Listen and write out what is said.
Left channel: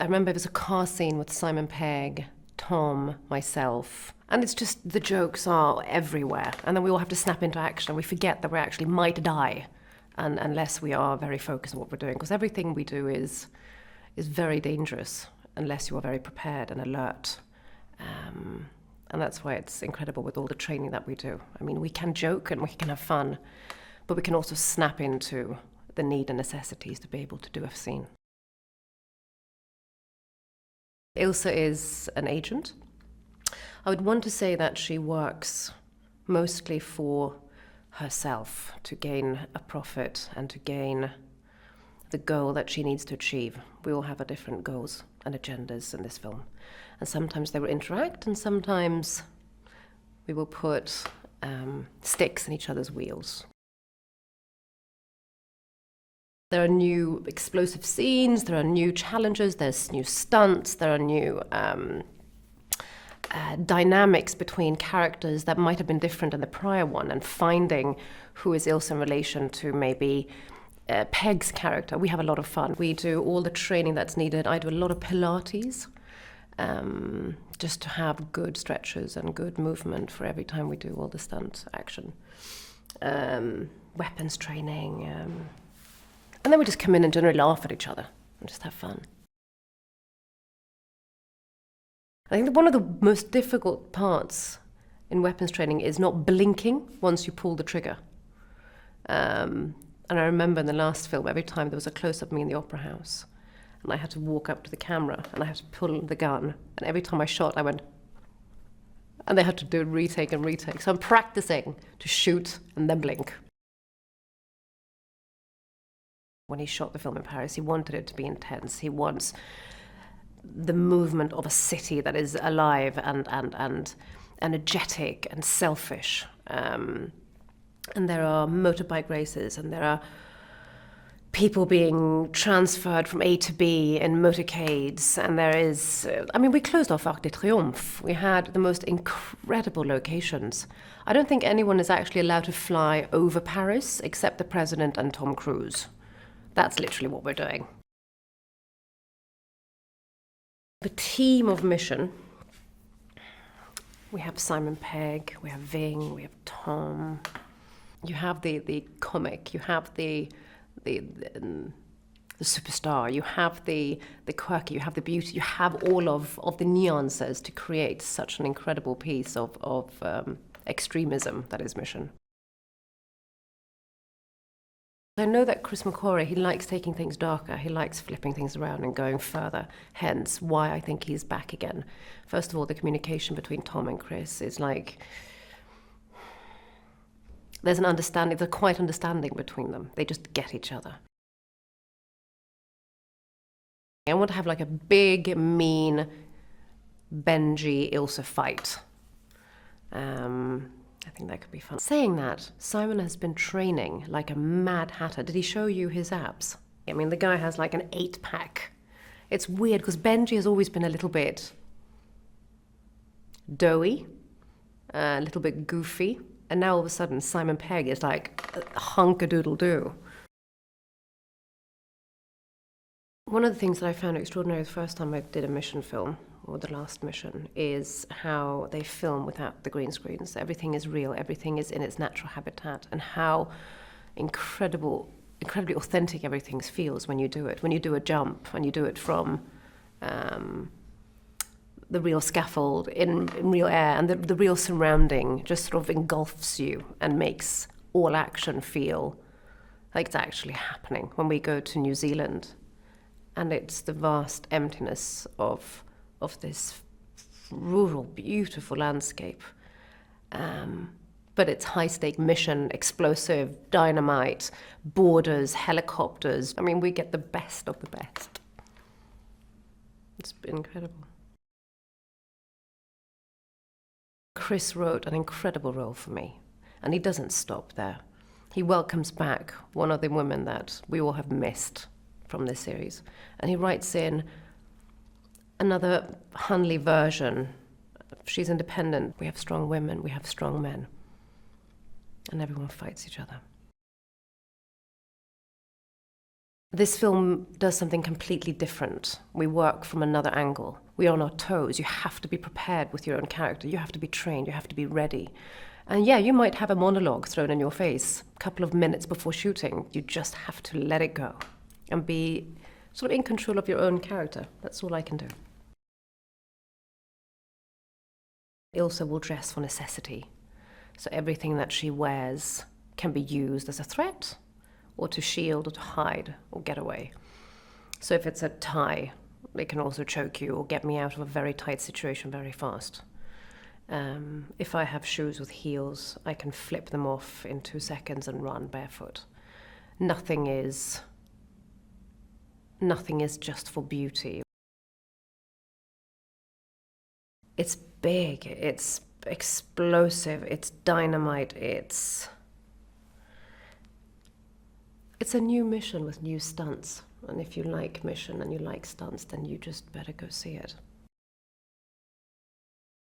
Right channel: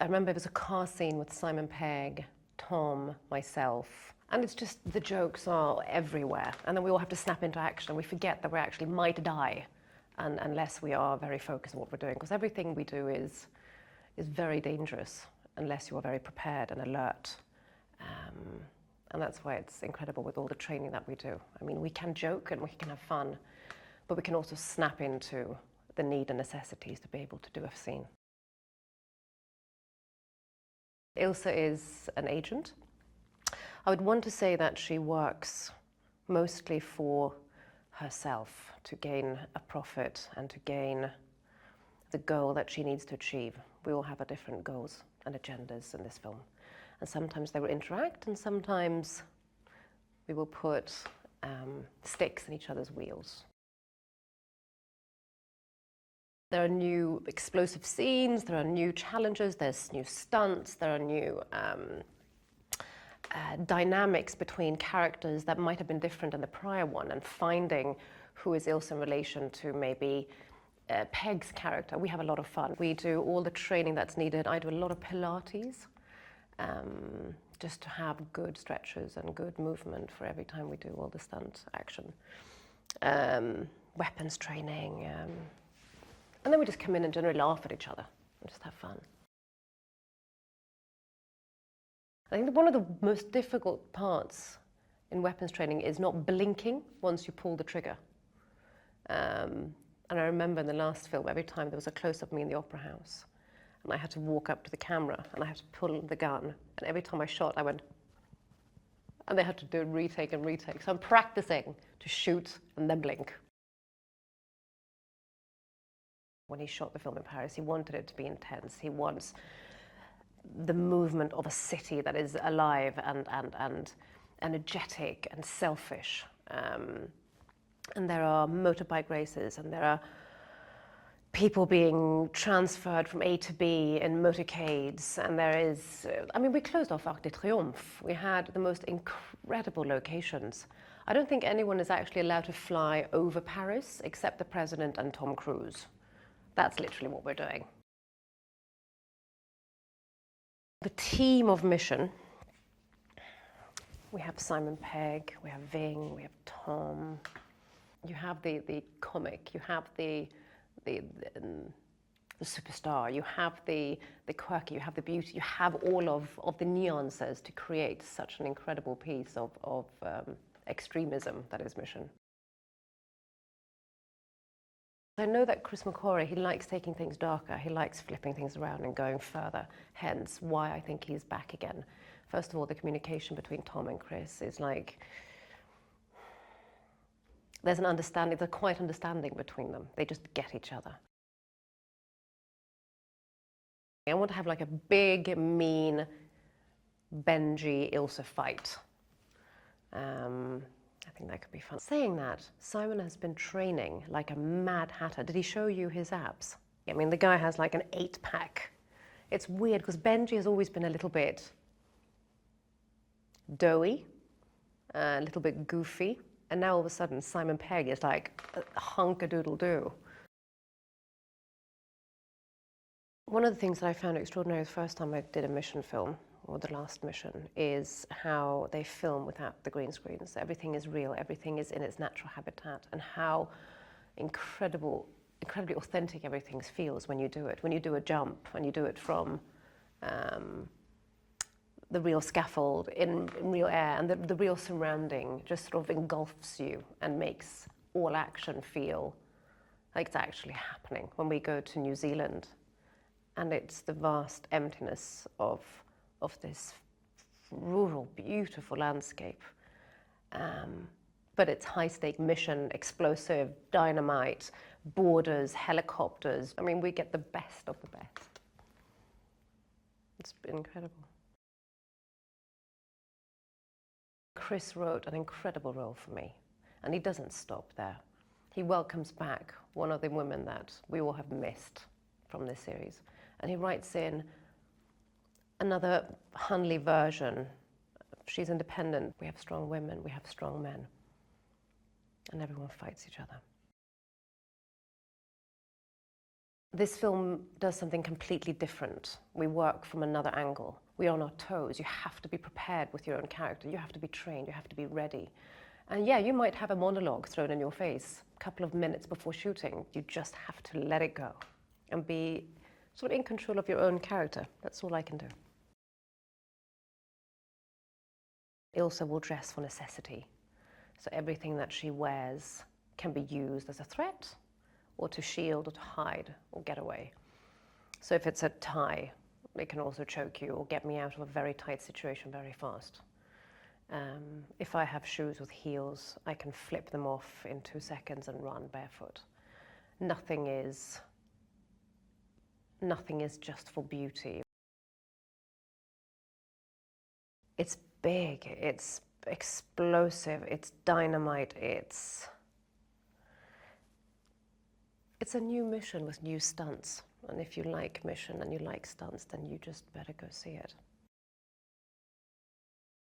I remember it was a car scene with Simon Pegg, Tom, myself, and it's just the jokes are everywhere. And then we all have to snap into action and we forget that we actually might die unless we are very focused on what we're doing. Because everything we do is very dangerous unless you are very prepared and alert. And that's why it's incredible with all the training that we do. I mean, we can joke and we can have fun, but we can also snap into the need and necessities to be able to do a scene. Ilse is an agent. I would want to say that she works mostly for herself to gain a profit and to gain the goal that she needs to achieve. We all have our different goals and agendas in this film. And sometimes they will interact and sometimes we will put sticks in each other's wheels. There are new explosive scenes, there are new challenges, there's new stunts, there are new dynamics between characters that might have been different in the prior one, and finding who is Ilse in relation to maybe Pegg's character. We have a lot of fun. We do all the training that's needed. I do a lot of Pilates, just to have good stretches and good movement for every time we do all the stunt action. Weapons training. And then we just come in and generally laugh at each other and just have fun. I think that one of the most difficult parts in weapons training is not blinking once you pull the trigger. And I remember in the last film, every time there was a close-up of me in the opera house, and I had to walk up to the camera and I had to pull the gun, and every time I shot, I went, and they had to do a retake and retake. So I'm practicing to shoot and then blink. When he shot the film in Paris, he wanted it to be intense. He wants the movement of a city that is alive and energetic and selfish. And there are motorbike races and there are people being transferred from A to B in motorcades. And there is, we closed off Arc de Triomphe. We had the most incredible locations. I don't think anyone is actually allowed to fly over Paris except the president and Tom Cruise. That's literally what we're doing. The team of Mission, we have Simon Pegg, we have Ving, we have Tom. You have the comic, you have the superstar, you have the quirky, you have the beauty, you have all of the nuances to create such an incredible piece of extremism that is Mission. I know that Chris McQuarrie, he likes taking things darker, he likes flipping things around and going further, hence why I think he's back again. First of all, the communication between Tom and Chris is like, there's an understanding, there's a quiet understanding between them. They just get each other. I want to have like a big, mean Benji Ilse fight. I think that could be fun. Saying that, Simon has been training like a mad hatter. Did he show you his abs? I mean, the guy has like an 8-pack. It's weird because Benji has always been a little bit doughy, a little bit goofy, and now all of a sudden Simon Pegg is like a hunk-a-doodle-doo. One of the things that I found extraordinary the first time I did a Mission film, or the last Mission, is how they film without the green screens. Everything is real, everything is in its natural habitat, and how incredibly authentic everything feels when you do it. When you do a jump, when you do it from the real scaffold in real air, and the real surrounding just sort of engulfs you and makes all action feel like it's actually happening. When we go to New Zealand, and it's the vast emptiness of this rural, beautiful landscape. But it's high-stake mission, explosive, dynamite, borders, helicopters. I mean, we get the best of the best. It's been incredible. Chris wrote an incredible role for me, and he doesn't stop there. He welcomes back one of the women that we all have missed from this series, and he writes in another Hunley version. She's independent. We have strong women, we have strong men. And everyone fights each other. This film does something completely different. We work from another angle. We're on our toes. You have to be prepared with your own character. You have to be trained. You have to be ready. And yeah, you might have a monologue thrown in your face a couple of minutes before shooting. You just have to let it go and be sort of in control of your own character. That's all I can do. Ilsa will dress for necessity. So everything that she wears can be used as a threat, or to shield, or to hide, or get away. So if it's a tie, it can also choke you or get me out of a very tight situation very fast. If I have shoes with heels, I can flip them off in 2 seconds and run barefoot. Nothing is just for beauty. It's big, it's explosive, it's dynamite, it's a new mission with new stunts. And if you like mission and you like stunts, then you just better go see it.